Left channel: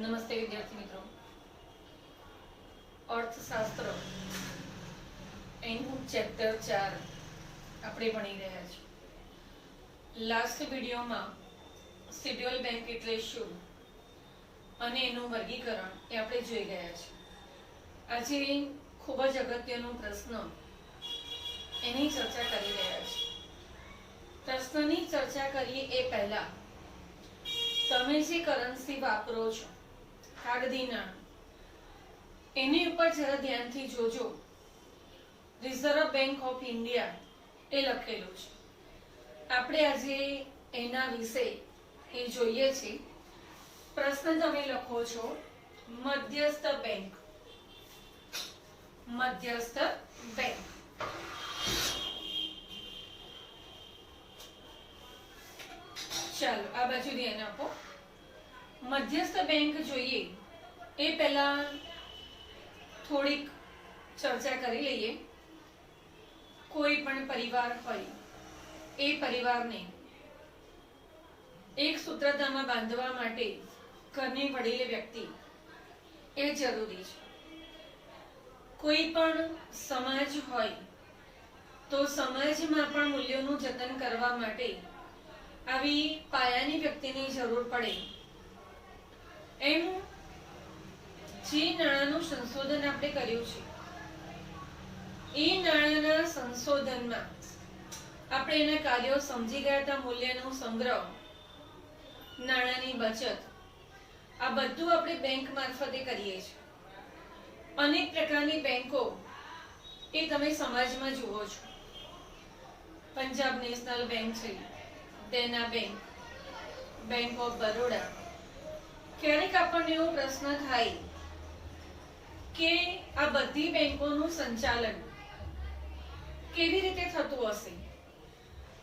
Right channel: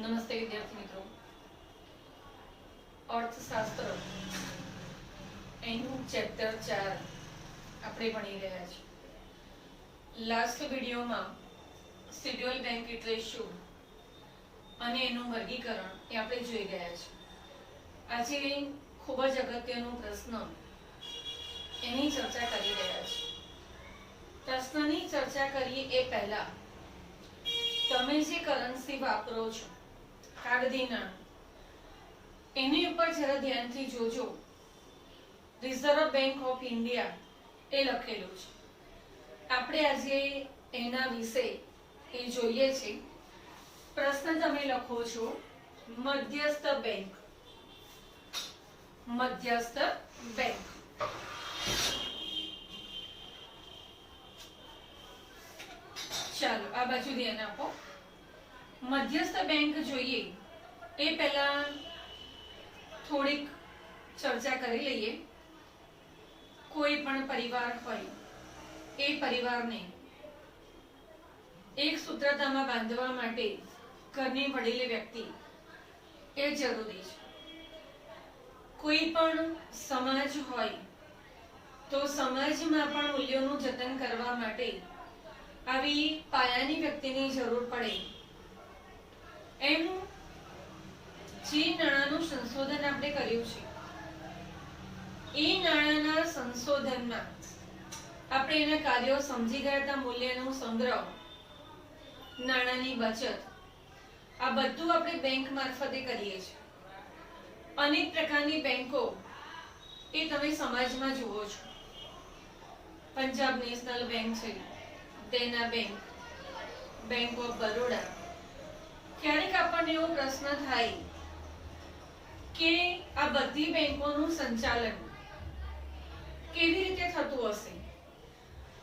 નમસ્તે વિદ્યાર્થી મિત્રો. અર્થશાસ્ત્ર એનું ચેપ્ટર 4 આપણે ભણી રહ્યા છીએ. લાસ્ટ વિડિયોમાં શેડ્યુલ બેંક એટલે શું અને એનું વર્ગીકરણ એ આપણે જોઈ ગયા છે. આજે ખૂબ જ અગત્યનો પ્રશ્ન એની ચર્ચા કરી રહ્યા છે. પ્રશ્નની ચર્ચા કરીએ એ પહેલા તમે જે કરન્સી વાપરો છો, કાગદી નાણું, એની ઉપર જરા ધ્યાનથી જોજો. રિઝર્વ બેંક ઓફ ઇન્ડિયા એ લખેલું છે. આપણે આજે એના વિશે એ જોઈએ છે. પ્રશ્ન તમે લખો છો મધ્યસ્થ બેંક. મધ્યસ્થ બેંક ચાલો આ બાજુ ધ્યાન આપો. મધ્યસ્થ બેંક જોઈએ એ પહેલા થોડીક ચર્ચા કરી લઈએ. કોઈ પણ પરિવાર હોય એ પરિવારને એક સૂત્રતામાં બાંધવા માટે ઘરની વડીલ વ્યક્તિ એ જરૂરી છે. કોઈ પણ સમાજ હોય તો સમાજમાં પણ મૂલ્યોનું જતન કરવા માટે આવી પાયાની વ્યક્તિની જરૂર પડે. એમ જે નાણાંનું સંશોધન આપણે કર્યું છે એ નાણાંના સંશોધનમાં આપણે એના કાર્યો સમજી ગયા હતા. મૂલ્યનો સંગ્રહ, નાણાંની બચત, આ બધું આપણે બેંક મારફતે કરીએ છીએ. અનેક પ્રકારની બેંકો એ તમે સમાજમાં જુઓ છો. પંજાબ નેશનલ બેંક છે, દેના બેંક, બેંક ઓફ બરોડા. ક્યારેક આપણને એવો પ્રશ્ન થાય કે આ બધી બેંકોનું સંચાલન કેવી રીતે થતું હશે?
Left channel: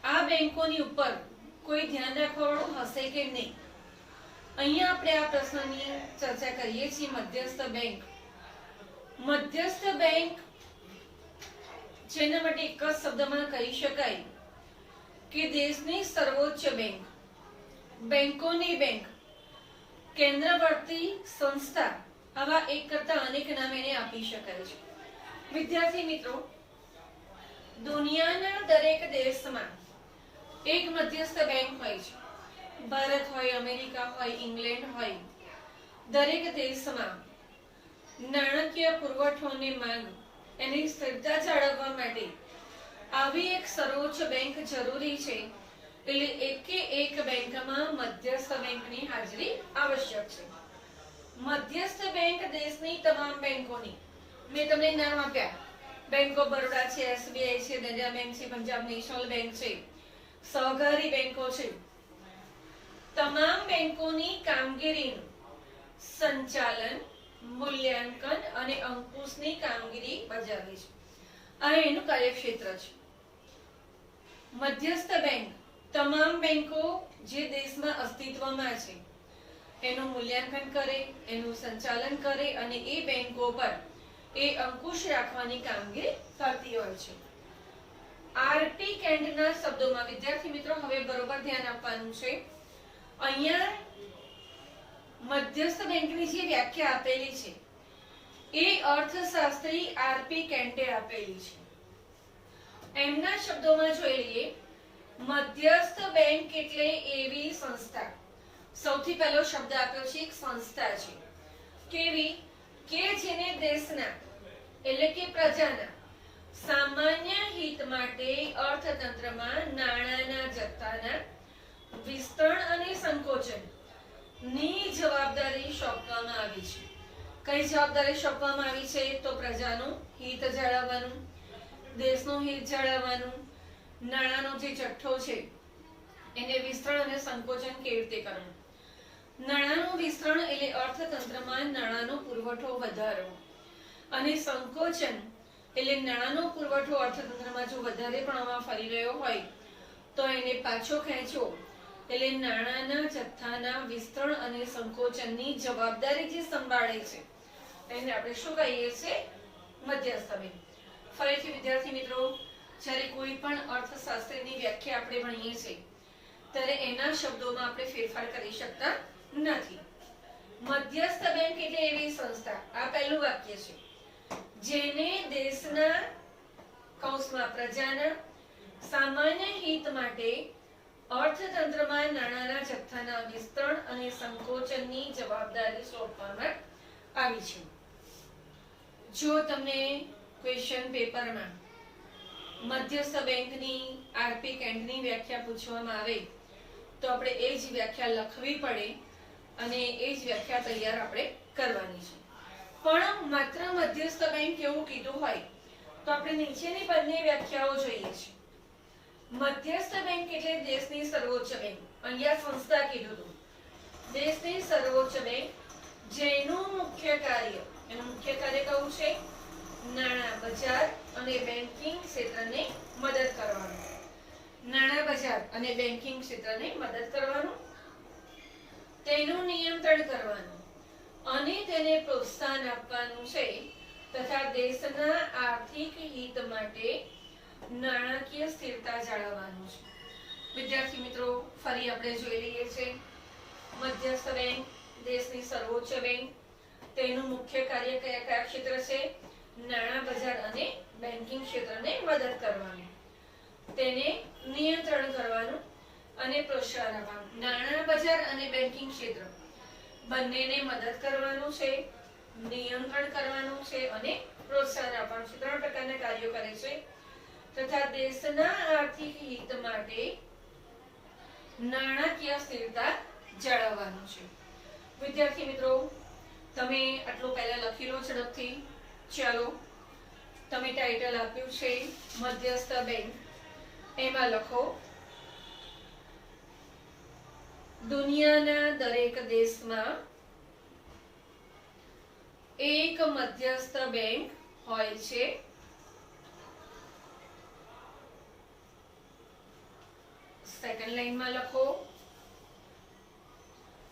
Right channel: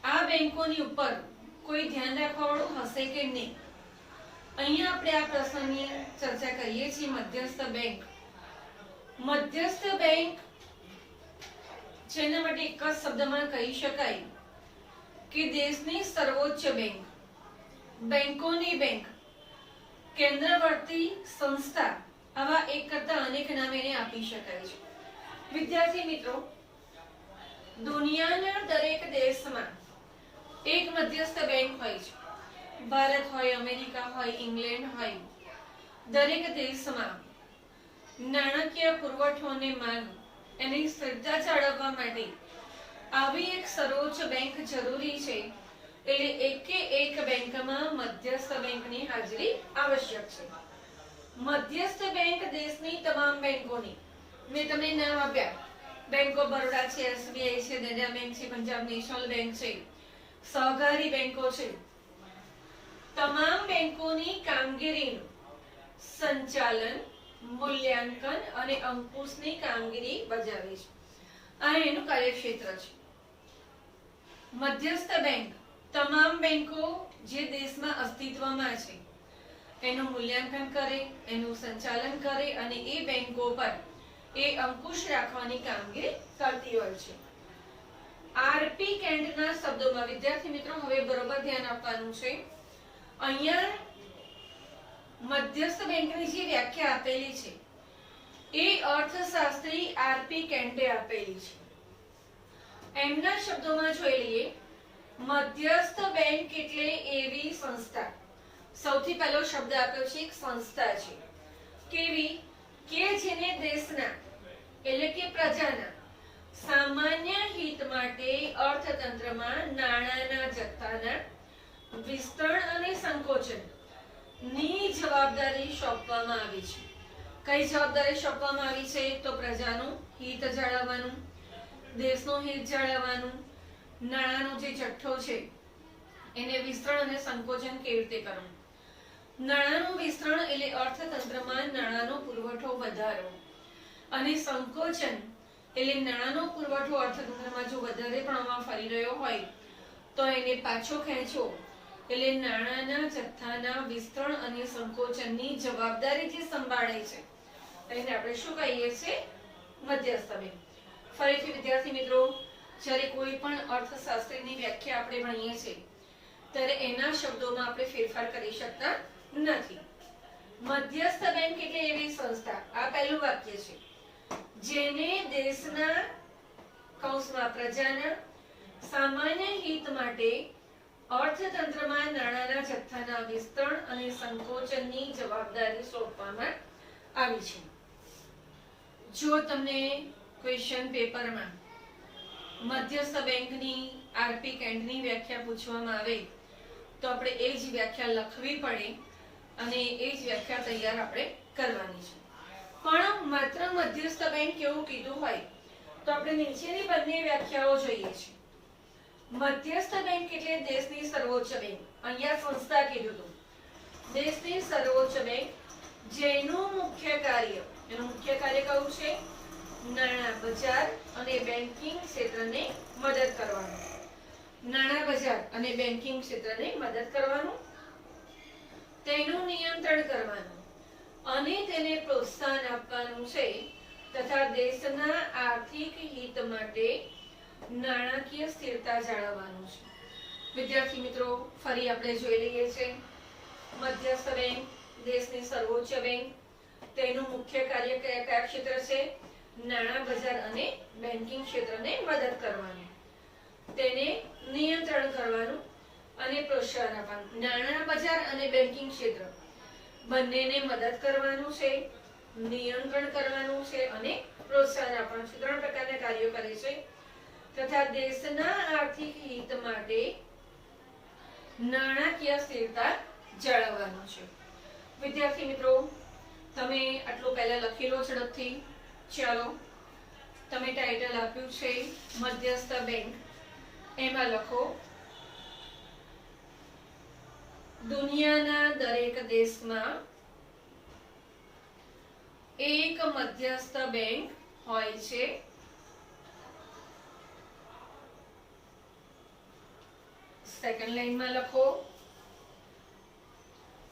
આ બેંકોની ઉપર કોઈ ધ્યાન રાખવાવાળું હશે કે નહીં? અહીંયા આપણે આ પ્રશ્નની ચર્ચા કરીએ છીએ. મધ્યસ્થ બેંક. મધ્યસ્થ બેંક જેના માટે એક જ શબ્દમાં કહી શકાય કે દેશની સર્વોચ્ચ બેંક, બેંકોની બેંક, કેન્દ્રવર્તી સંસ્થા, આવા એક કરતા અનેક નામ એને આપી શકાય છે. વિદ્યાર્થી મિત્રો, દુનિયાના દરેક દેશમાં એક મધ્યસ્થ બેંક હોય છે. ભારત હોય, અમેરિકા હોય, ઇંગ્લેન્ડ હોય, દરેક દેશમાં નાણાકીય પુરવઠો અને માંગ એની સ્થિરતા જાળવવા માટે આવી એક સર્વોચ્ચ બેંક જરૂરી છે. એટલે એકે એક બેંકમાં મધ્યસ્થ બેંકની હાજરી આવશ્યક છે. મધ્યસ્થ બેંક દેશની તમામ બેંકોની, મેં તમને નામ આપ્યા, બેંક ઓફ બરોડા છે, એસબીઆઈ છે, દેના બેંક છે, પંજાબ નેશનલ બેંક છે, સહકારી બેંકો છે, તમામ બેંકોની કામગીરીનું સંચાલન, મૂલ્યાંકન અને અંકુશની કામગીરી બજાવે છે. આ એનું કાર્યક્ષેત્ર છે. મધ્યસ્થ બેંક તમામ બેંકો જે દેશમાં અસ્તિત્વમાં છે એનું મૂલ્યાંકન કરે, એનું સંચાલન કરે અને એ બેંકો પર એ અંકુશ રાખવાની કામગીરી કરતી હોય છે. આરપી કેન્ડના શબ્દોમાં વિદ્યાર્થી મિત્રો હવે બરોબર ધ્યાન આપવાનું છે. અહીંયા મધ્યસ્થ બેંકની જે વ્યાખ્યા આપેલી છે એ અર્થશાસ્ત્રી આરપી કેન્ડે આપેલી છે. એમના શબ્દોમાં જોઈ લઈએ. મધ્યસ્થ બેંક એટલે એવી સંસ્થા, સૌથી પહેલો શબ્દ આપ્યો છે, એક સંસ્થા છે. કેવી? કે જેને દેશના એટલે કે પ્રજાના સામાન્ય હિત માટે અર્થતંત્રમાં નાણાંના જથ્થાના વિસ્તરણ અને સંકોચન ની જવાબદારી સોંપવામાં આવી છે. કઈ જવાબદારી સોંપવામાં આવી છે? તો પ્રજાનું હિત જાળવવાનું, દેશનું હિત જાળવવાનું, નાણાંનો જે જથ્થો છે એને વિસ્તરણ અને સંકોચન કેવી રીતે કરવું. નાણાંનું વિસ્તરણ એટલે અર્થતંત્રમાં નાણાંનો પુરવઠો વધારવો અને સંકોચન એટલે નાણાંનો પુરવઠો અર્થતંત્રમાં જો વધારે પ્રમાણમાં ફરી રહ્યો હોય તો એને પાછો ખેંચવો. એટલે નાણાંના જથ્થાના વિસ્તરણ અને સંકોચનની જવાબદારી જે સંભાળે છે એને આપણે શું કહીએ છીએ? મધ્યસ્થ બેંક. ફરીથી વિદ્યાર્થી મિત્રો, જ્યારે કોઈ પણ અર્થશાસ્ત્રની વ્યાખ્યા આપણે ભણીએ છીએ ત્યારે એના શબ્દોમાં આપણે ફેરફાર કરી શકતા નથી. મધ્યસ્થ બેંક એટલે એવી સંસ્થા, આ પહેલું વાક્ય છે, જેને દેશના કૌંસમાં પ્રજાના સામાન્ય હિત માટે અર્થતંત્રમાં નાણાંના જથ્થાના વિસ્તરણ અને સંકોચનની જવાબદારી સોંપવામાં આવી છે. જો તમને ક્વેશ્ચન પેપરમાં મધ્યસ્થ બેંકની આરપી કેન્ટની વ્યાખ્યા પૂછવામાં આવે તો આપણે એ જ વ્યાખ્યા લખવી પડે અને એ જ વ્યાખ્યા તૈયાર આપણે કરવાની છે. પણ માત્ર મધ્યસ્થ બેંક એવું કીધું હોય તો આપણે નીચેની બંને વ્યાખ્યાઓ જોઈએ છે. મધ્યસ્થ બેંક એટલે દેશની સર્વોચ્ચ બેંક. અહીંયા સંસ્થા કીધું હતું, દેશની સર્વોચ્ચ બેંક, જેનું મુખ્ય કાર્ય, એનું મુખ્ય કાર્ય કયું છે? નાણાં બજાર અને બેન્કિંગ ક્ષેત્રને મદદ કરવાનું. નાણાં બજાર અને બેન્કિંગ ક્ષેત્રને મદદ કરવાનું, તેનું નિયંત્રણ કરવાનું અને તેને પ્રોત્સાહન આપવાનું છે તથા દેશના આર્થિક હિત માટે નાણાકીય સ્થિરતા જાળવવાનું છે. વિદ્યાર્થી મિત્રો, ફરી આપણે જોઈ લઈએ છીએ. મધ્યસ્થ બેંક દેશની સર્વોચ્ચ બેંક, તેનું મુખ્ય કાર્ય કયા કયા ક્ષેત્ર છે? નાણાં બજાર અને બેન્કિંગ ક્ષેત્રને મદદ કરવાનું, તેને નિયંત્રણ કરવાનું અને પ્રોત્સાહન આપવાનું. નાણાં બજાર અને બેન્કિંગ ક્ષેત્ર બંનેને મદદ કરવાનું છે, નિયંત્રણ કરવાનું છે અને પ્રોત્સાહન આપવાનું છે. 3 પ્રકારના કાર્યો કરે છે તથા દેશના આર્થિક હિત માટે નાણાકીય સ્થિરતા જાળવવાનું છે. વિદ્યાર્થી મિત્રો, તમે આટલું પહેલા લખી લો ઝડપથી. ચાલો, તમે ટાઇટલ આપ્યું છે મધ્યસ્થ બેંક, એમાં લખો દુનિયાના દરેક દેશમાં એક મધ્યસ્થ બેંક હોય છે. સેકન્ડ લાઈનમાં લખો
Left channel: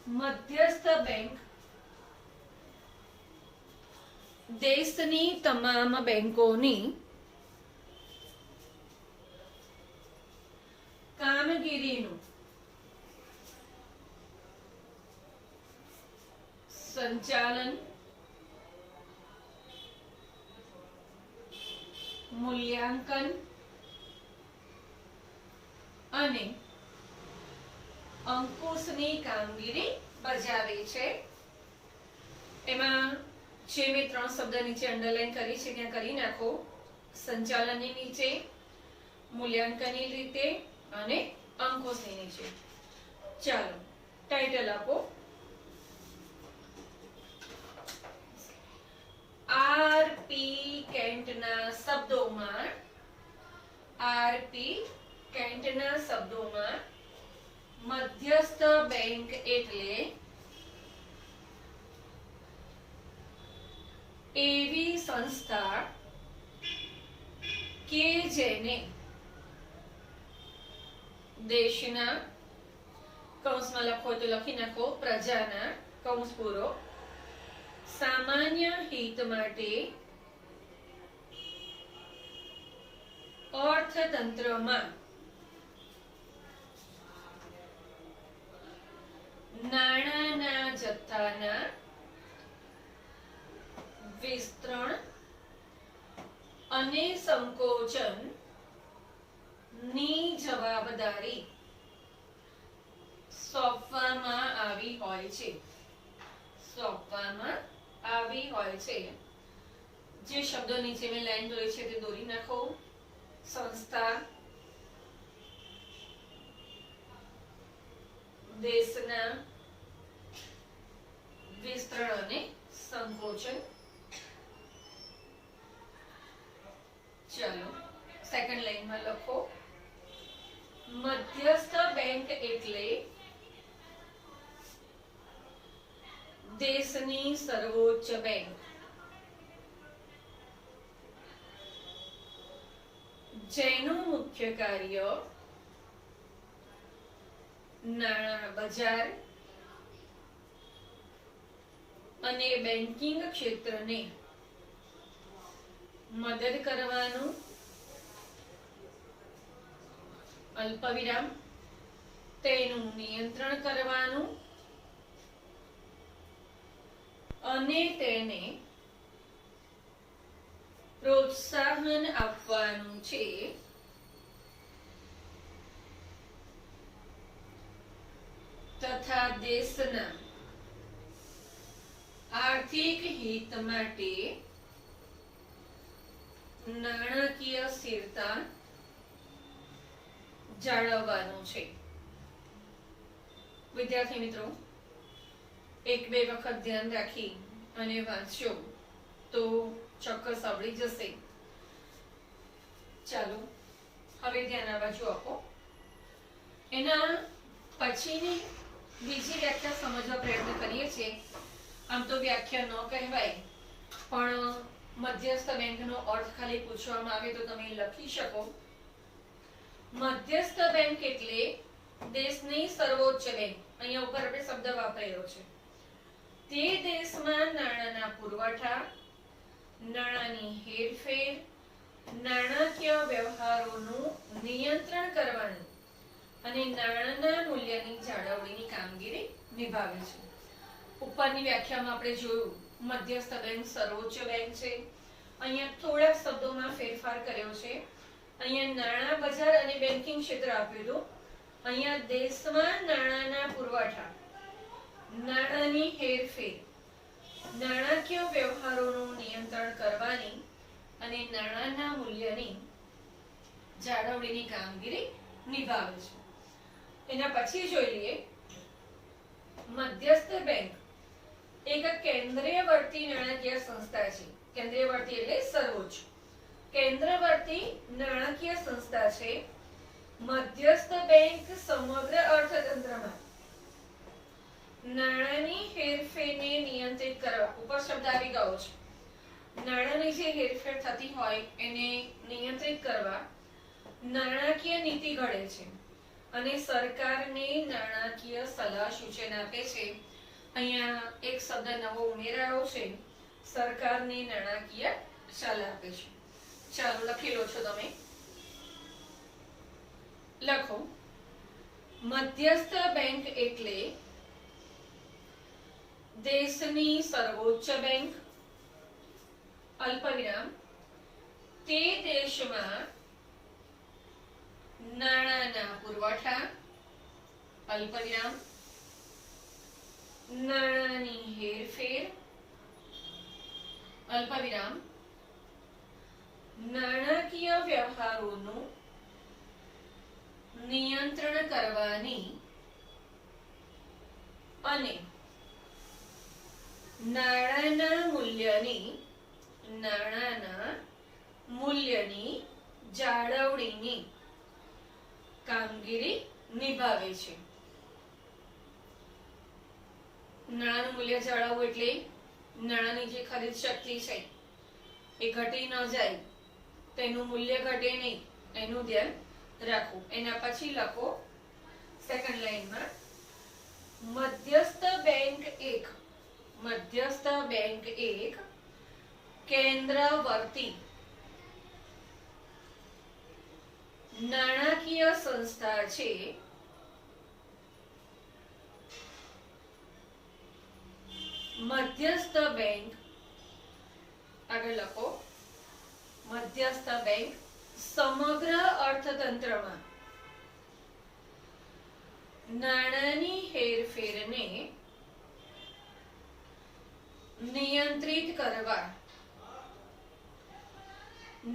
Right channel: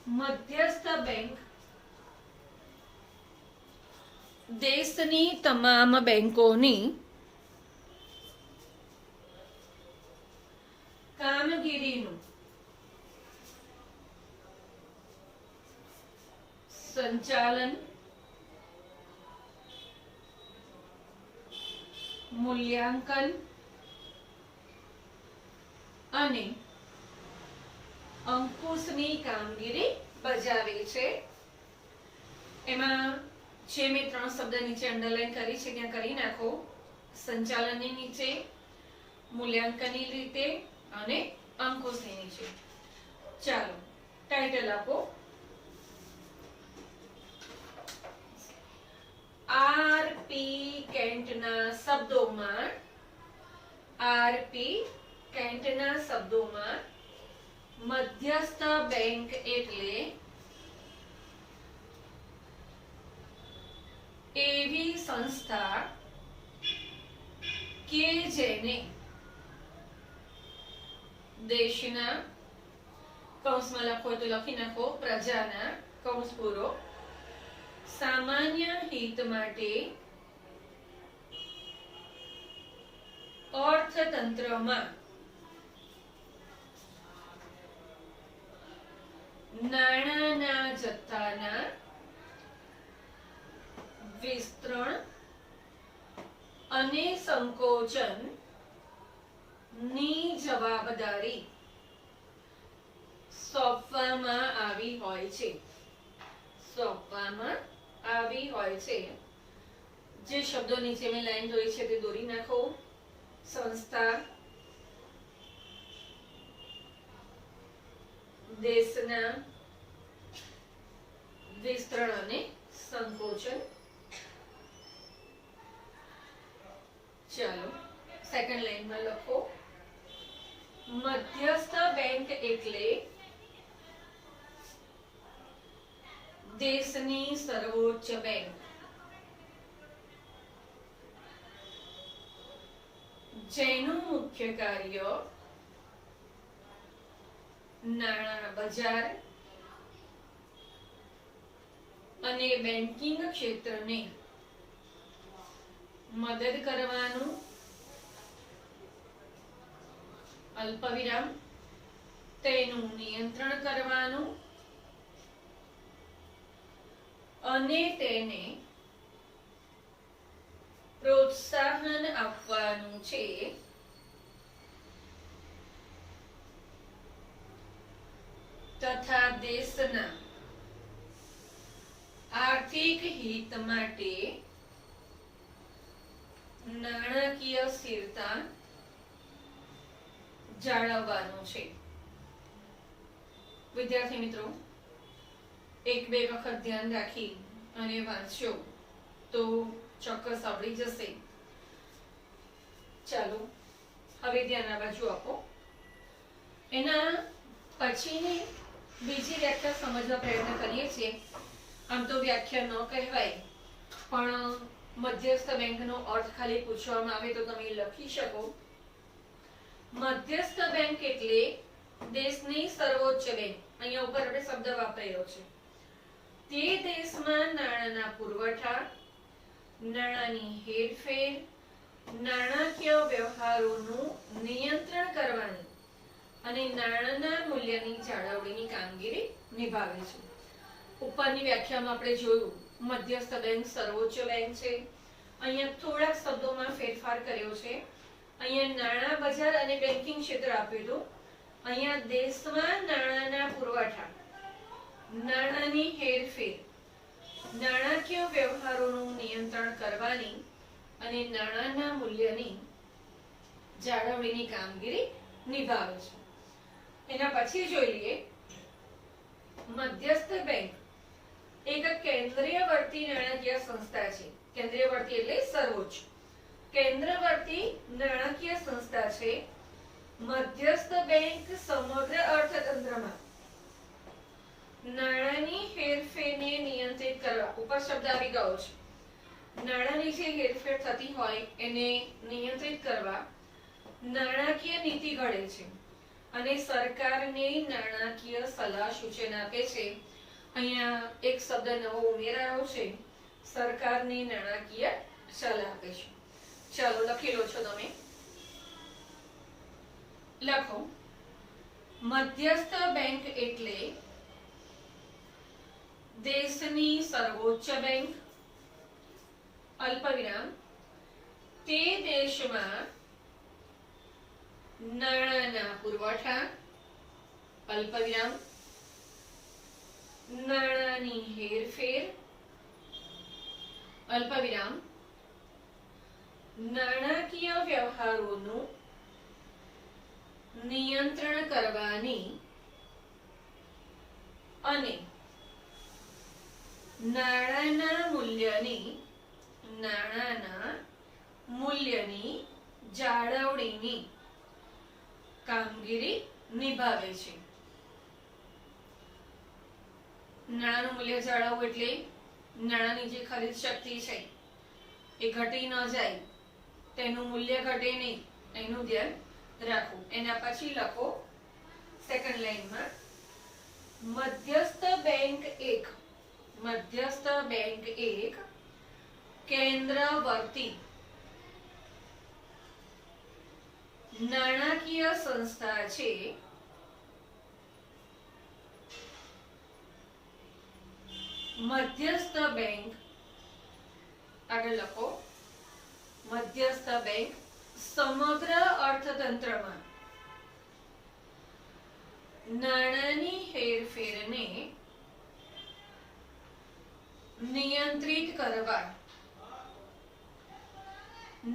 મધ્યસ્થ બેંક દેશની તમામ બેંકોની કામગીરીનું સંચાલન, મૂલ્યાંકન અને અંકુશની કામગીરી બજાવે છે. એમાં જે મેં 3 શબ્દ નીચે અંડરલાઈન કરી છે ત્યાં કરી નાખો. સંચાલનની નીચે, મૂલ્યાંકનની રીતે અને અંકુશની નીચે. ચાલો, ટાઇટલ આપો આરપી કેન્ટના શબ્દોમાં, આરપી કેન્ટના શબ્દોમાં મધ્યસ્થ બેંક એટલે એવી સંસ્થા કે જેને દેશના, કૌંસમાં લખો તો લખી નાખો પ્રજાના, કૌંસ પૂરો, સામાન્ય હિત માટે અર્થતંત્રમાં નાણાંના જથ્થાના વિસ્તરણ અને સંકોચન ની જવાબદારી સોંપવામાં આવી હોય છે. સોંપવામાં આવી હોય છે. જે શબ્દો નીચે મેં લાઈન દોરી છે તે દોરી નાખો. સંસ્થા, દેશના વિસ્તરણ અને સંકોચન. ચાલો, સેકન્ડ લાઈનમાં લખો મધ્યસ્થ બેંક એટલે દેશની સર્વોચ્ચ બેંક, જેનું મુખ્ય કાર્ય નાણાં બજાર અને બેન્કિંગ ક્ષેત્રને મદદ કરવાનું, અલ્પવિરામ, તેનું નિયંત્રણ કરવાનું અને તેને પ્રોત્સાહન આપવાનું છે તથા દેશના આર્થિક હિત માટે નાણાકીય સ્થિરતા જાળવવાનું છે. વિદ્યાર્થી મિત્રો, એક બે વખત ધ્યાન રાખી અને વાંચજો તો ચોક્કસ આવડી જશે. ચાલો હવે ધ્યાન આ બાજુ આપો. એના પછીની બીજી વ્યાખ્યા સમજવા પ્રયત્ન કરીએ છીએ. આમ તો વ્યાખ્યા ન કહેવાય, પણ મધ્યસ્થ બેંકનો અર્થ ખાલી પૂછવામાં આવે તો તમે લખી શકો. મધ્યસ્થ બેંક એટલે દેશની સર્વોચ્ચ બેંક. અહીંયા ઉપર આપણે શબ્દ વાપરેલો છે. તે દેશમાં નાણાંના પુરવઠા, નાણાંની હેરફેર, નાણાકીય વ્યવહારોનું નિયંત્રણ કરવાની અને નાણાંના મૂલ્યની જાળવણીની કામગીરી નિભાવે છે. ઉપરની વ્યાખ્યામાં આપણે જોયું મધ્યસ્થ બેંક સર્વોચ્ચ બેંક છે. અહીંયા થોડાક શબ્દોમાં ફેરફાર કર્યો છે. અહીંયા નાણાં બજાર અને બેન્કિંગ ક્ષેત્ર આપેલું. અહીંયા દેશમાં નાણાંના પુરવઠા, નાણાંની હેરફેર, નાણાકીય વ્યવહારોનું નિયંત્રણ કરવાની અને નાણાંના મૂલ્યની જાળવણીની કામગીરી નિભાવે છે. એના પછી જોઈ લઈએ મધ્યસ્થ બેંક એક કેન્દ્રીયવર્તી નાણાકીય સંસ્થા છે. કેન્દ્રીયવર્તી એટલે સર્વોચ્ચ. કેન્દ્રવર્તી નાણાકીય સંસ્થા છે. મધ્યસ્થ બેંક સમગ્ર અર્થતંત્રમાં નાણાંની હેરફેરને નિયંત્રિત કરવા, ઉપર શબ્દ આવી ગયો છે, નાણાંની જે હેરફેર થતી હોય એને નિયંત્રિત કરવા નાણાકીય નીતિ ઘડે છે અને સરકારને નાણાકીય સલાહ સૂચન આપે છે. અહીંયા એક શબ્દ નવો ઉમેરાયો છે, સરકારની નાણાકીય સલાહ આપે છે. ચાલો લખી લો છો તમે. લખો, મધ્યસ્થ બેંક એટલે દેશની સર્વોચ્ચ બેંક, અલ્પવિરામ, તે દેશમાં નાણાંના પુરવઠા, અલ્પવિરામ, નાણાંની હેરફેર, અલ્પવિરામ, નાણાકીય વ્યવહારોનું નિયંત્રણ કરવાની અને નાણાંના મૂલ્યની જાળવણીની કામગીરી નિભાવે છે. નાણાંનું મૂલ્ય જાળવવું એટલે નાણાંની જે ખરીદ શક્તિ છે એ ઘટી ન જાય, તેનું મૂલ્ય ઘટે નહીં, એનું ધ્યાન રાખવું. એના પછી લખો સેકન્ડ લાઈનમાં મધ્યસ્થ બેંક એક કેન્દ્રવર્તી નાણાકીય સંસ્થા છે. મધ્યસ્થ બેંક, આગળ લખો, મધ્યસ્થ બેંક સમગ્ર અર્થતંત્રમાં નાણાંની હેરફેરને નિયંત્રિત કરવા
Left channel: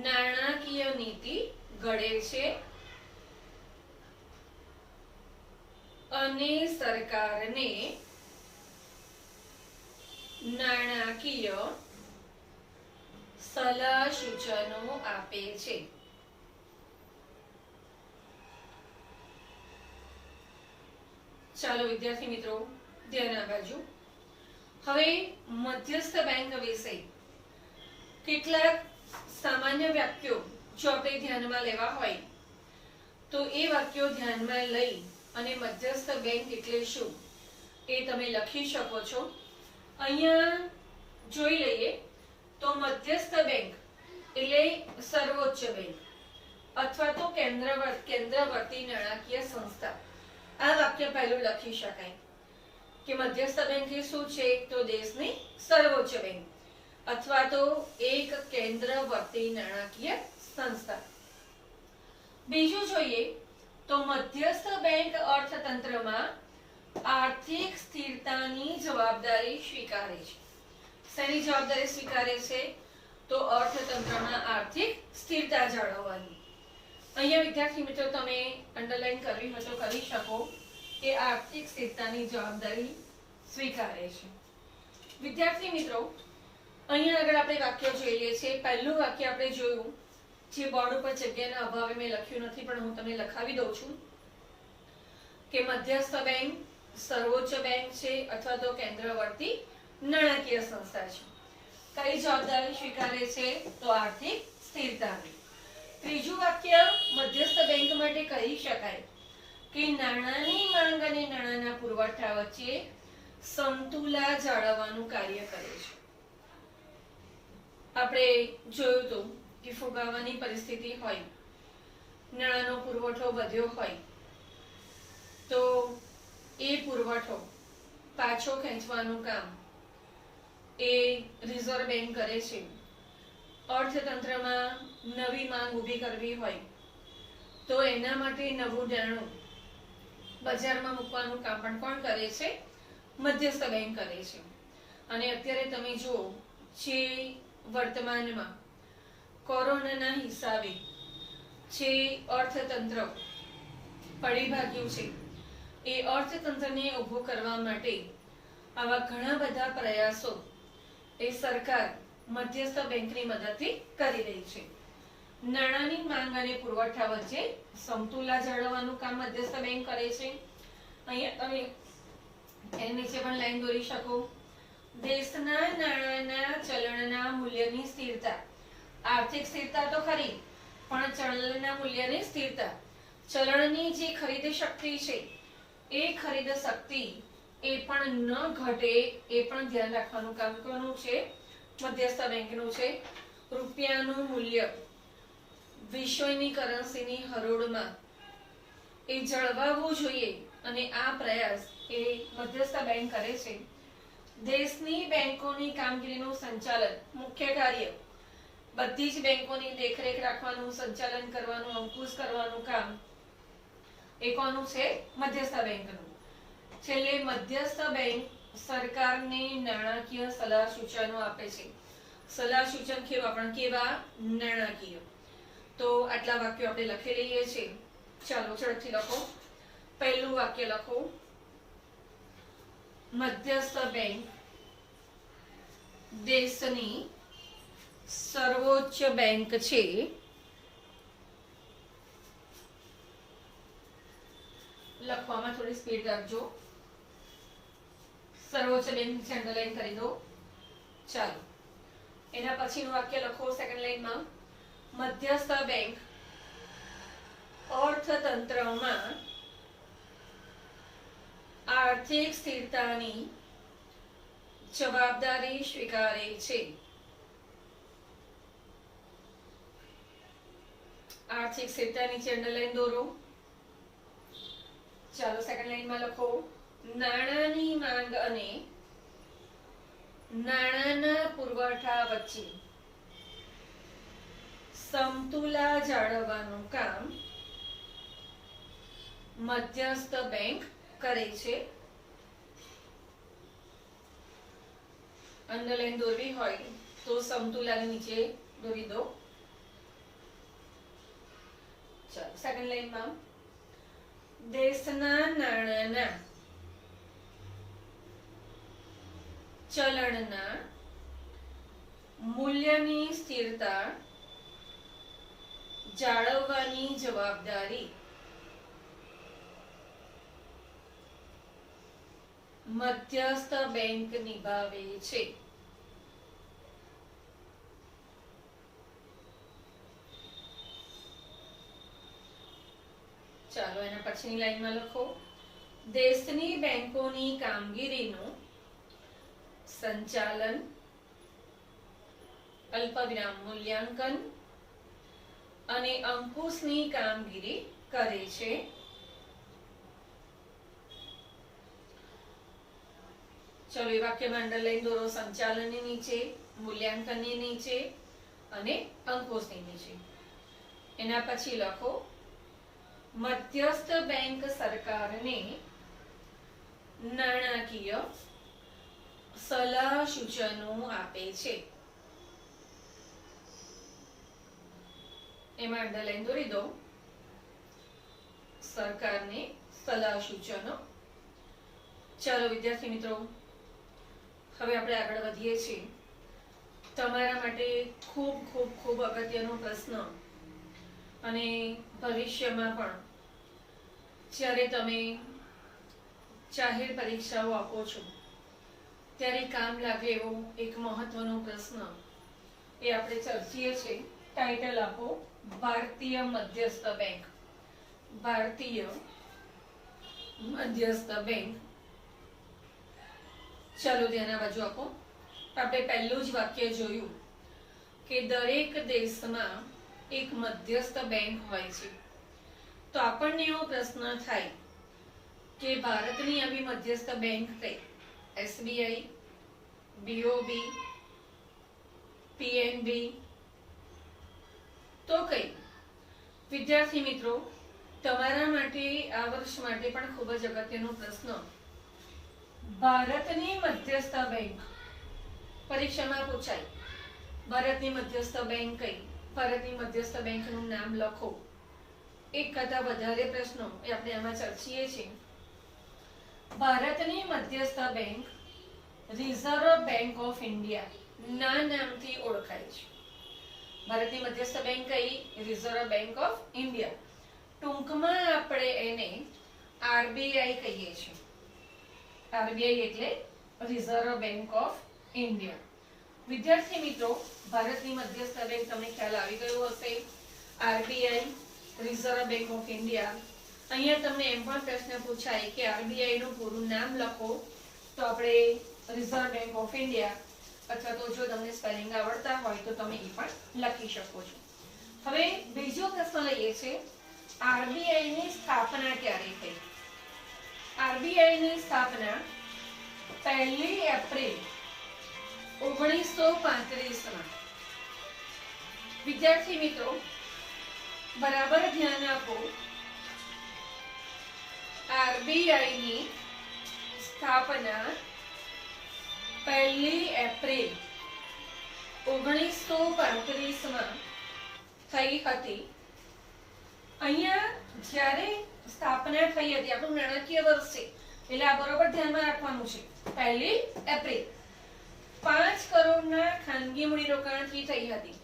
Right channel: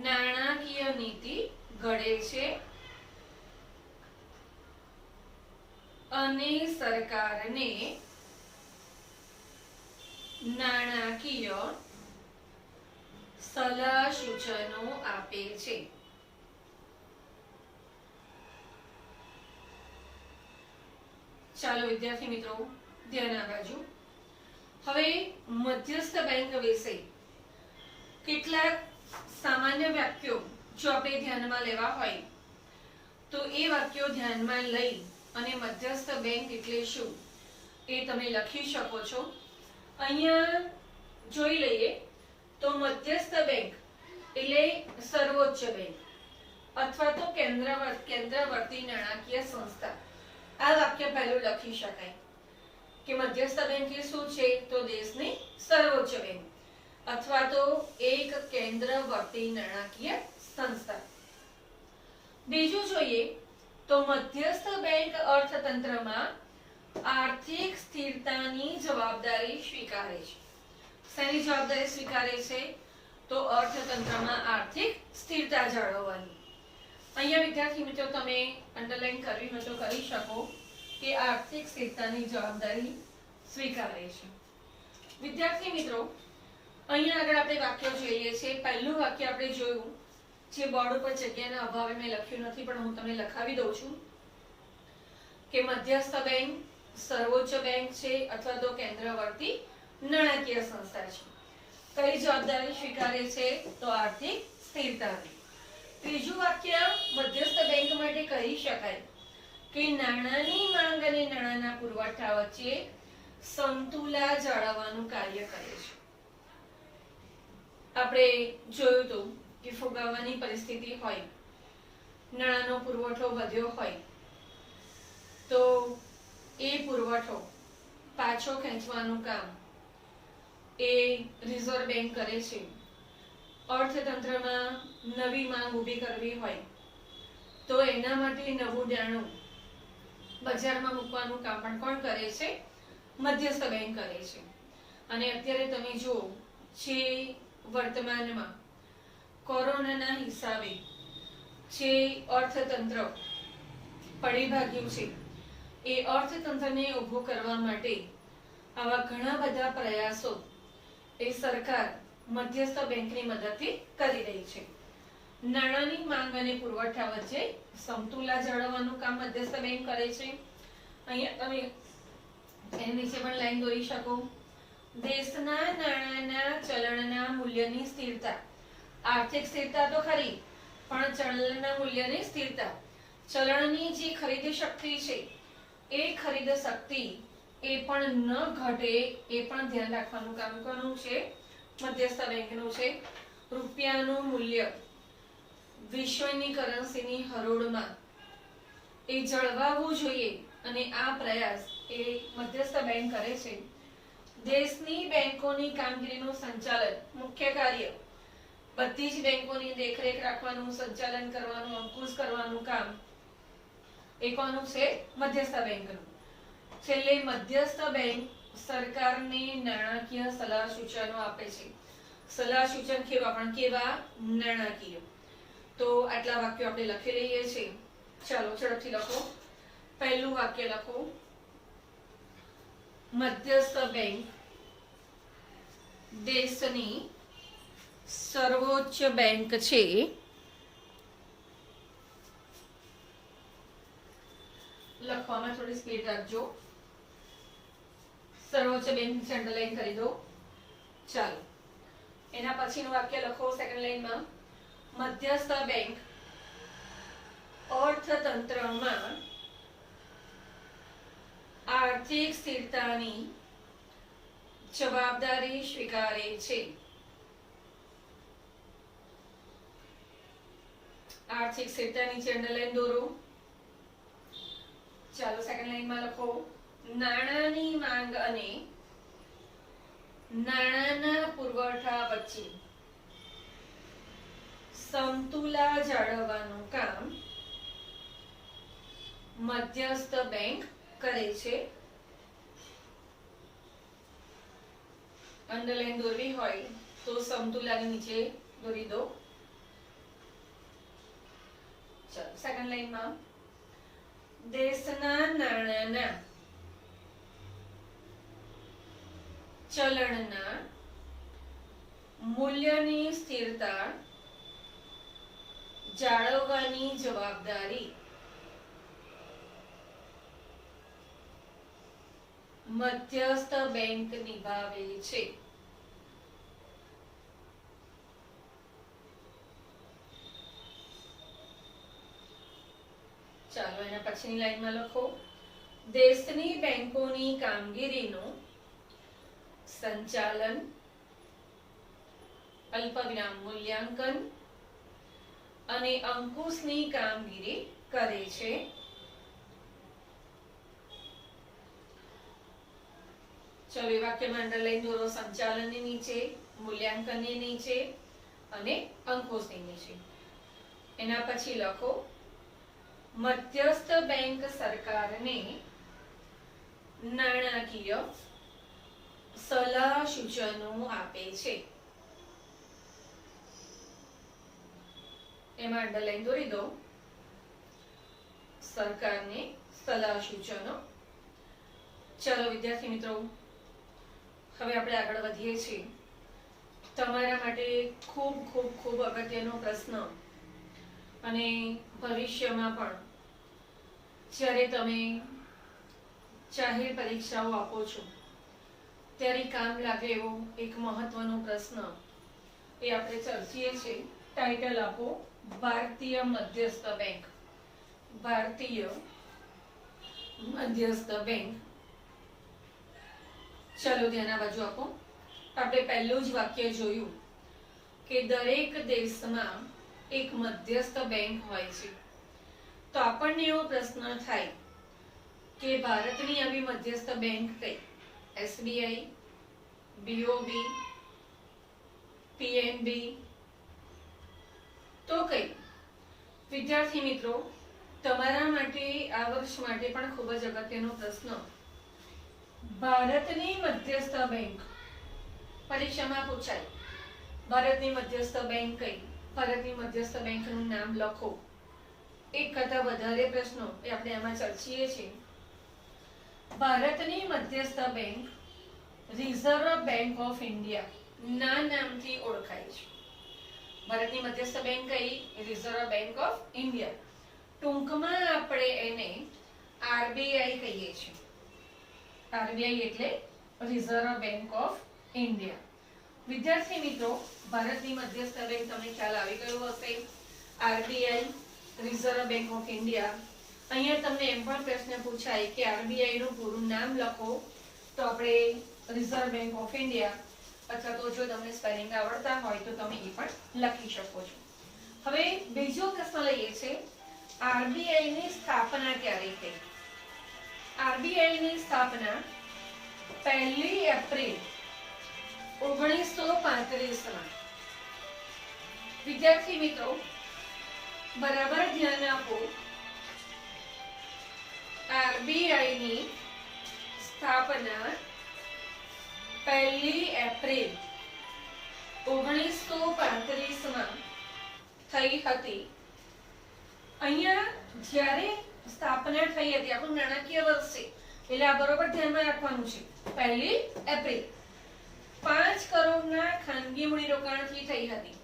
નાણાકીય નીતિ ઘડે છે અને સરકારને નાણાકીય સલાહ સૂચનો આપે છે. ચાલો વિદ્યાર્થી મિત્રો ધ્યાન આ બાજુ. હવે મધ્યસ્થ બેંક વિશે કેટલાક સામાન્ય વાક્યો જો આપણે ધ્યાનમાં લેવા હોય તો એ વાક્યો ધ્યાનમાં લઈ અને મધ્યસ્થ બેંક એટલે શું એ તમે લખી શકો છો. અહીંયા જોઈ લઈએ તો મધ્યસ્થ બેંક એટલે સર્વોચ્ચ બેંક અથવા તો કેન્દ્રવર્તી નાણાકીય સંસ્થા. આ વાક્ય પહેલું લખી શકાય. કે મધ્યસ્થ બેંક એ શું છે? તો દેશની સર્વોચ્ચ બેંક અથવા તો એક કેન્દ્રવર્તી નાણાકીય સંસ્થા. બીજું જોઈએ તો મધ્યસ્થ બેંક અર્થતંત્રમાં આર્થિક સ્થિરતાની જવાબદારી સ્વીકારે છે. શેની જવાબદારી સ્વીકારે છે? તો અર્થતંત્રમાં આર્થિક સ્થિરતા જાળવવાની. અહીંયા વિદ્યાર્થી મિત્રો તમે અંડરલાઈન કરવી હોય તો કરી શકો કે આર્થિક સ્થિરતાની જવાબદારી સ્વીકારે છે. વિદ્યાર્થી મિત્રો અહીંયા આગળ આપણે વાક્ય જોઈએ છે. પહેલું વાક્ય આપણે જોયું જે બોર્ડ ઉપર જગ્યાના અભાવે મેં લખ્યું નથી પણ હું તમને લખાવી દઉં છું કે મધ્યસ્થ બેંક સર્વોચ્ચ બેંક છે અથવા તો કેન્દ્રવર્તી નાણાકીય સંસ્થા છે. કઈ જવાબદારી સ્વીકારે છે? તો આર્થિક સ્થિરતાની. ત્રીજું વાક્ય મધ્યસ્થ બેંક માટે કહી શકાય કે નાણાંની માંગ અને નાણાંના પુરવઠા વચ્ચે સંતુલન જાળવવાનું કાર્ય કરે છે. આપણે જોયું હતું કે ફુગાવાની પરિસ્થિતિ હોય, નાણાંનો પુરવઠો વધ્યો હોય તો એ પુરવઠો પાછો ખેંચવાનું કામ એ રિઝર્વ બેંક કરે છે. અર્થતંત્રમાં નવી માંગ ઊભી કરવી હોય તો એના માટે નવું નાણું બજારમાં મૂકવાનું કામ પણ કોણ કરે છે? મધ્યસ્થ બેંક કરે છે. અને અત્યારે તમે જુઓ જે વર્તમાનમાં કોરોનાના હિસાબે જે અર્થતંત્ર પડી ભાગ્યું છે એ અર્થતંત્રને ઊભું કરવા માટે આવા ઘણા બધા પ્રયાસો એ સરકાર મધ્યસ્થ બેંકની મદદથી કરી રહી છે. નાણાંની માંગ અને પુરવઠા વચ્ચે સમતુલા જાળવવાનું કામ મધ્યસ્થ બેંક કરે છે. અહીંયા તમે એની નીચે પણ લાઈન દોરી શકો. દેશના નાણાંના ચલણના મૂલ્યની સ્થિરતા, આર્થિક સ્થિરતા તો ખરી પણ ચલણના મૂલ્યની સ્થિરતા, ચલણની જે ખરીદ શક્તિ છે એ ખરીદ શક્તિ એ પણ ન ઘટે એ પણ ધ્યાન રાખવાનું કામ કોનું છે? મધ્યસ્થ બેંકનું છે. રૂપિયાનું મૂલ્ય વિશ્વની કરન્સીની હરોળમાં એ જળવાવું જોઈએ અને આ પ્રયાસ એ મધ્યસ્થ બેંક કરે છે. દેશની બેંકોની કામગીરીનું સંચાલન, મુખ્ય કાર્ય બધી જ બેંકોની દેખરેખ રાખવાનું, સંચાલન કરવાનું, અંકુશ કરવાનું કામ એ કોનું છે? મધ્યસ્થ બેંકનું. છેલ્લે મધ્યસ્થ બેંક સરકારને નાણાકીય સલાહ સૂચનો આપે છે. સલાહ સૂચન કેવા? પણ કેવા? નાણાકીય. તો આટલા વાક્યો આપણે લખી લઈએ છીએ. ચાલો ઝડપથી લખો. પહેલું વાક્ય લખો. મધ્યસ્થ બેંક દેશની સર્વોચ્ચ બેંક છે. લખવામાં થોડી સ્પીડ રાખજો. સર્વોચ્ચ બેંક અંડરલાઈન કરી દો. ચાલો એના પછીનું વાક્ય લખો સેકન્ડ લાઈનમાં. મધ્યસ્થ બેંક અર્થતંત્રમાં આર્થિક સ્થિરતાની જવાબદારી સ્વીકારે છે. આર્થિક સ્થિરતા નીચે અંડરલાઈન દોરો. ચાલો સેકન્ડ લાઈનમાં લખો. નાણાંની માંગ અને નાણાંના પુરવઠા વચ્ચે સમતુલા જાળવવાનું કામ મધ્યસ્થ બેંક કરે છે. અંડરલાઈન દોરવી હોય તો સમતુલાની નીચે દોરી દો. ચાલો સેકન્ડ લાઈનમાં. દેશના નાણાંના ચલણના મૂલ્યની સ્થિરતા જાળવવાની જવાબદારી મધ્યસ્થ બેંક નિભાવે છે. ચાલો એના પછીની લાઈનમાં લખો. દેશની બેંકોની કામગીરીનું સંચાલન, અલ્પવિરામ મૂલ્યાંકન અને અંકુશની કામગીરી કરે છે. ચલો એ વાક્યમાં અંડરલાઈન દોરો સંચાલનની નીચે, મૂલ્યાંકનની નીચે અને અંકુશની નીચે. એના પછી લખો મધ્યસ્થ બેંક સરકારને નાણાકીય સલાહ સૂચનો આપે છે. એમાં અંડરલાઈન દોરી દો સરકારને સલાહ સૂચનો. ચાલો વિદ્યાર્થી મિત્રો, હવે આપણે આગળ વધીએ છીએ. તમારા માટે ખૂબ ખૂબ ખૂબ અગત્યનો પ્રશ્ન, અને ભવિષ્યમાં પણ જ્યારે તમે જાહેર પરીક્ષાઓ આપો છો ત્યારે કામ લાગે એવો એક મહત્વનો પ્રશ્ન એ આપણે ચર્ચીએ છીએ. ટાઇટલ આપો ભારતીય મધ્યસ્થ બેંક. ભારતીય મધ્યસ્થ બેંક. ચાલો ધ્યાન આ બાજુ આપો. આપણે પહેલું જ વાક્ય જોયું કે દરેક દેશમાં એક મધ્યસ્થ બેંક હોય છે. તો આપણને એવો પ્રશ્ન થાય કે ભારતની આવી મધ્યસ્થ બેંક કઈ? એસબીઆઈ, બીઓબી, પીએનબી, તો કઈ? વિદ્યાર્થી મિત્રો, તમારા માટે આ વર્ષ માટે પણ ખૂબ જ અગત્યનો પ્રશ્ન. ભારતની મધ્યસ્થ બેંક પરીક્ષામાં પૂછાય. ભારતની મધ્યસ્થ બેંક કઈ? ભારતની મધ્યસ્થ બેંકનું નામ લખો. એક કરતા વધારે પ્રશ્નો એ આપણે એમાં ચર્ચીએ છીએ. ભારતની મધ્યસ્થ bank reserve bank of India ના નામથી ઓળખાય છે. ભારતની મધ્યસ્થ બેંક કઈ? Reserve bank of India. ટૂંકમાં આપણે એને આરબીઆઈ કહીએ છીએ. આરબીઆઈ એટલે રિઝર્વ બેંક ઓફ ઇન્ડિયા. વિદ્યાર્થી મિત્રો, ભારતની મધ્યસ્થ બેંક તમને ખ્યાલ આવી ગયો હશે. RBI, reserve bank of India. અહીંયા તમને એમ પણ પ્રશ્ન પૂછાય કે આરબીઆઈ નું પૂરું નામ લખો, તો આપણે રિઝર્વ બેંક ઓફ ઇન્ડિયા, અથવા તો જો તમને સ્પેલિંગ આવડતા હોય તો તમે એ પણ લખી શકો છો. હવે બીજો પ્રશ્ન લઈએ છે, આરબીઆઈ ની સ્થાપના ક્યારે થઈ? આરબીઆઈ ની સ્થાપના 1 એપ્રિલ 1935 માં. વિદ્યાર્થી મિત્રો, બરાબર ધ્યાન આપો. આરબીઆઈ ની સ્થાપના 1 એપ્રિલ 1935 માં થઈ હતી. અહીંયા જ્યારે સ્થાપના થઈ હતી, આપણું નાણાકીય વર્ષ છે એટલે આ બરોબર ધ્યાનમાં રાખવાનું છે. 1 એપ્રિલ 5 કરોડના ખાનગી મૂડીરોકાણથી થઈ હતી.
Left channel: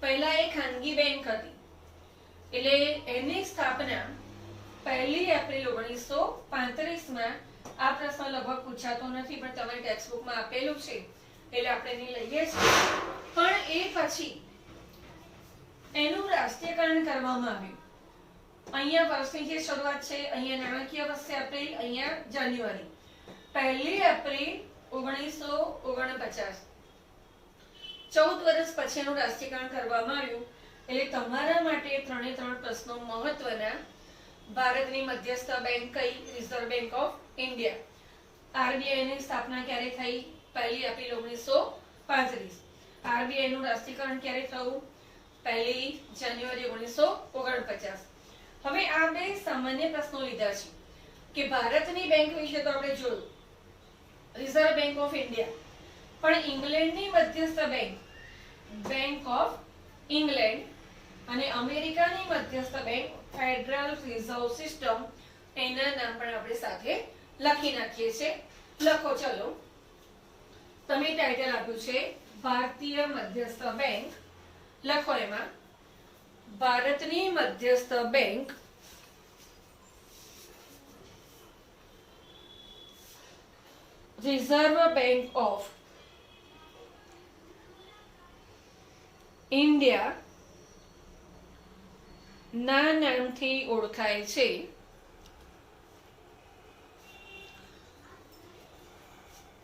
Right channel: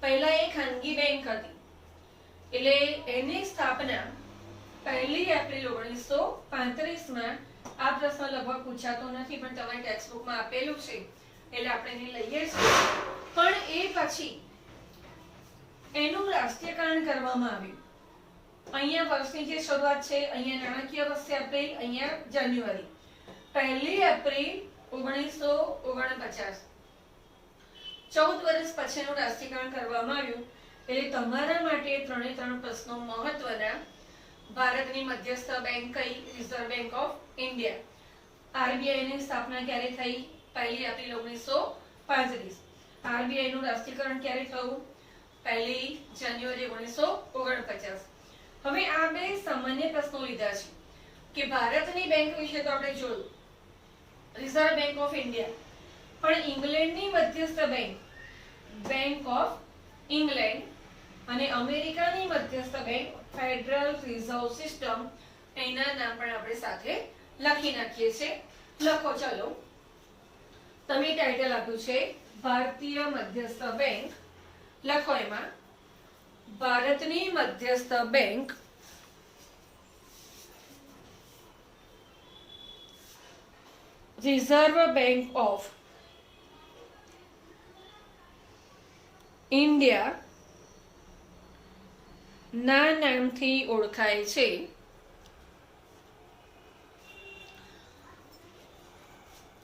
પહેલા એ ખાનગી બેંક હતી એટલે એની સ્થાપના 1 એપ્રિલ 1935 માં. આ પ્રશ્ન લગભગ પૂછાતો નથી પણ તમારી ટેક્સ્ટ બુકમાં આપેલું છે એટલે આપણે એને લઈએ છીએ. પણ એ પછી એનું રાષ્ટ્રીયકરણ કરવામાં આવ્યું. અહીંયા વર્ષની જે શરૂઆત છે, અહીંયા નાણાકીય વર્ષ છે એપ્રિલ, અહીંયા જાન્યુઆરી. 1 એપ્રિલ 1949, 14 વર્ષ પછી એનું રાષ્ટ્રીયકરણ કરવામાં આવ્યું. એટલે તમારા માટે 3 પ્રશ્નો મહત્વના. ભારતની મધ્યસ્થ બેંક કઈ? Reserve bank of India. RBI ની સ્થાપના ક્યારે થઈ? 1 એપ્રિલ 1935. આરબીઆઈ નું રાષ્ટ્રીયકરણ ક્યારે થયું? 1 જાન્યુઆરી 1949. હવે આ બે સામાન્ય પ્રશ્નો લીધા છે કે ભારતની બેંક વિશે તો આપણે જોયું, રિઝર્વ બેંક ઓફ ઇન્ડિયા. પણ ઇંગ્લેન્ડની મધ્યસ્થ બેંક, બેંક ઓફ ઇંગ્લેન્ડ, અને અમેરિકાની મધ્યસ્થ બેંક ફેડરલ રિઝર્વ સિસ્ટમ, એના નામ પણ આપણે સાથે લખી નાખીએ છીએ. લખો. ચલો, તમે ટાઇટલ આપ્યું છે ભારતીય મધ્યસ્થ બેંક. લખો એમાં ભારતની મધ્યસ્થ bank reserve bank of India ના નામથી ઓળખાય છે.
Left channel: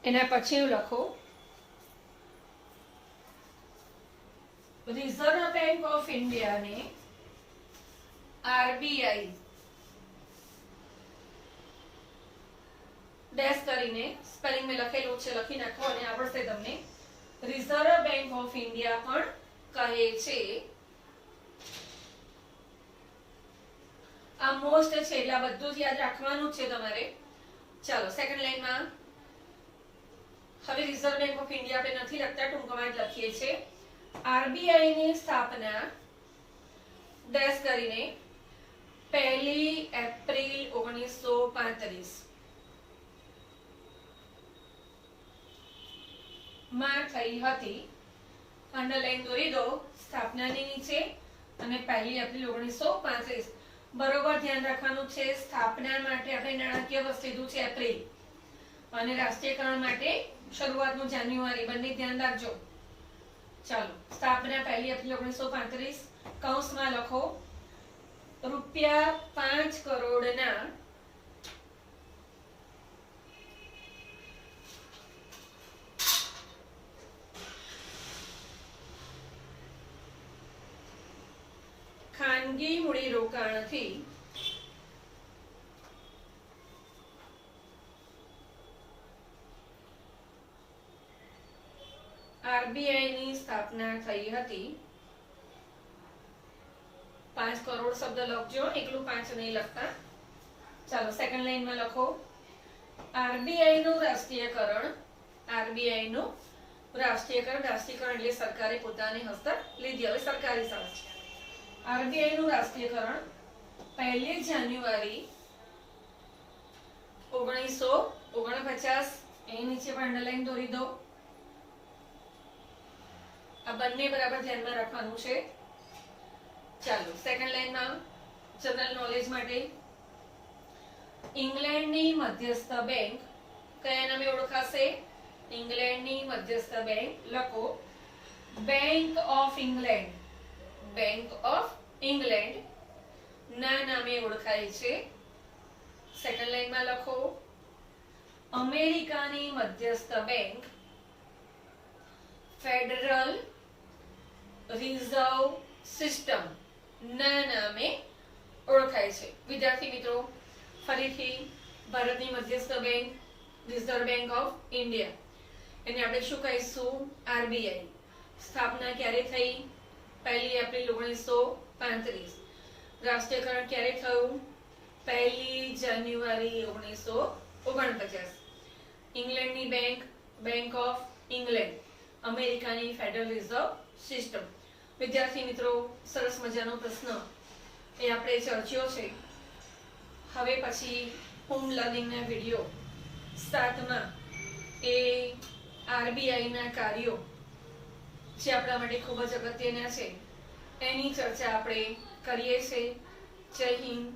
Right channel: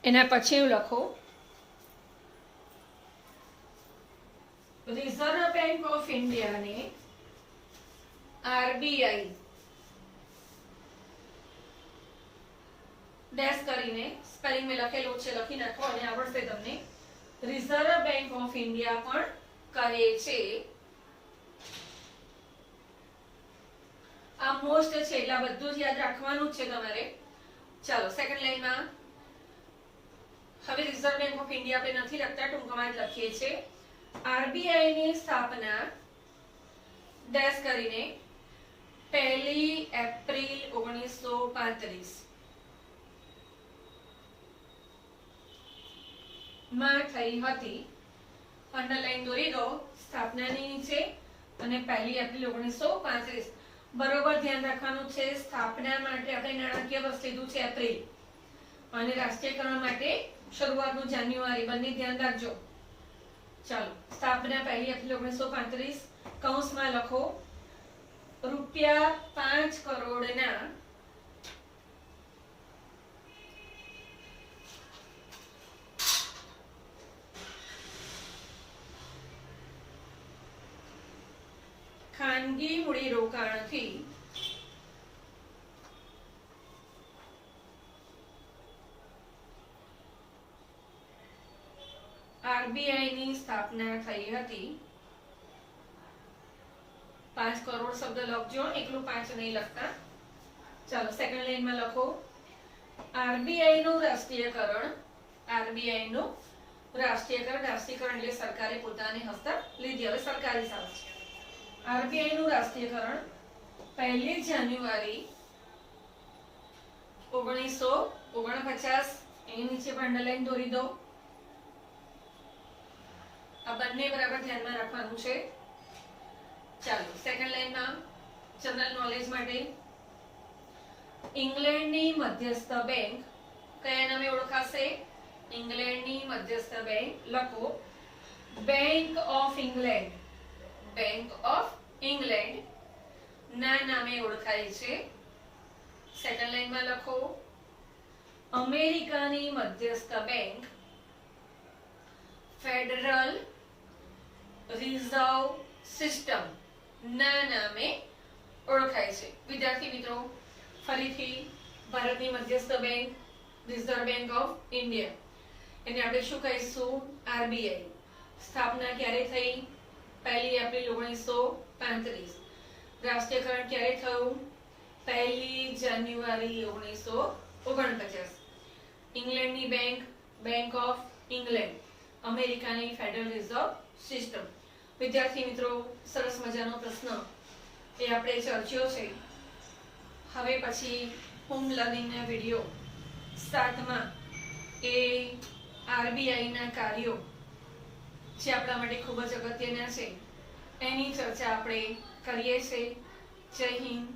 એના પછી લખો રિઝર્વ બેંક ઓફ ઇન્ડિયાને આરબીઆઈ ડેશ કરીને સ્પેલિંગ મેં લખેલું છે, લખી નાખો અને આવડશે તમને. રિઝર્વ બેંક ઓફ ઇન્ડિયા પણ કહે છે. આ મોસ્ટ છે એટલે આ બધું જ યાદ રાખવાનું છે તમારે. ચાલો સેકન્ડ લાઈનમાં હવે રિઝર્વ બેંક ઓફ ઇન્ડિયા આપણે નથી લખતા, ટૂંકમાં જ લખીએ છીએ. આરબીઆઈ ની સ્થાપના ડેશ કરીને 1 એપ્રિલ 1935 માં થઈ હતી. અંડરલાઈન દોરી દો સ્થાપનાની નીચે અને 1 એપ્રિલ 1935. બરોબર ધ્યાન રાખવાનું છે, સ્થાપના માટે આપણે નાણાકીય વર્ષ લીધું છે એપ્રિલ અને રાષ્ટ્રીયકરણ માટે શરૂઆતનું જાન્યુઆરી, બંને ધ્યાન રાખજો. ચાલો સ્થાપના 1 એપ્રિલ 1935 કૌંસમાં લખો ₹5 કરોડના ખાનગી મૂડીરોકાણથી આરબીઆઈ ની સ્થાપના થઈ હતી. 5 કરોડ શબ્દ લખજો, એકલું 5 નહીં લખતા. ચાલો સેકન્ડ લાઈનમાં લખો આરબીઆઈ નું રાષ્ટ્રીયકરણ. આરબીઆઈ નું રાષ્ટ્રીયકરણ, રાષ્ટ્રીયકરણ એટલે સરકારે પોતાને હસ્તક લીધી, હવે સરકારી સંસ્થા. આરબીઆઈ નું રાષ્ટ્રીયકરણ 1 જાન્યુઆરી 1949. એની નીચે પણ અંડરલાઈન દોરી દો. આ બંને બરાબર ધ્યાનમાં રાખવાનું છે. ચાલો સેકન્ડ લાઈનમાં જનરલ નોલેજ માટે ઇંગ્લેન્ડની મધ્યસ્થ બેંક કયા નામે ઓળખાશે? ઇંગ્લેન્ડની મધ્યસ્થ બેંક લખો bank of England. Bank of England ના નામે ઓળખાય છે. સેકન્ડ લાઈનમાં લખો અમેરિકાની મધ્યસ્થ બેંક ફેડરલ રિઝર્વ સિસ્ટમ ના નામે ઓળખાય છે. વિદ્યાર્થી મિત્રો ફરીથી ભારતની મધ્યસ્થ bank reserve bank of India, એને આપણે શું કહીશું? આરબીઆઈ. સ્થાપના ક્યારે થઈ? 1 એપ્રિલ 1935. રાષ્ટ્રીયકરણ ક્યારે થયું? 1 જાન્યુઆરી 1949. ઇંગ્લેન્ડની બેંક બેંક ઓફ ઇંગ્લેન્ડ, અમેરિકાની ફેડરલ રિઝર્વ સિસ્ટમ. વિદ્યાર્થી મિત્રો સરસ મજાનો પ્રશ્ન એ આપણે ચર્ચ્યો છે. હવે પછી હોમ લર્નિંગના વિડીયો 7માં એ આરબીઆઈના કાર્યો જે આપણા માટે ખૂબ જ અગત્યના છે એની ચર્ચા આપણે કરીએ છીએ. જય હિન્દ.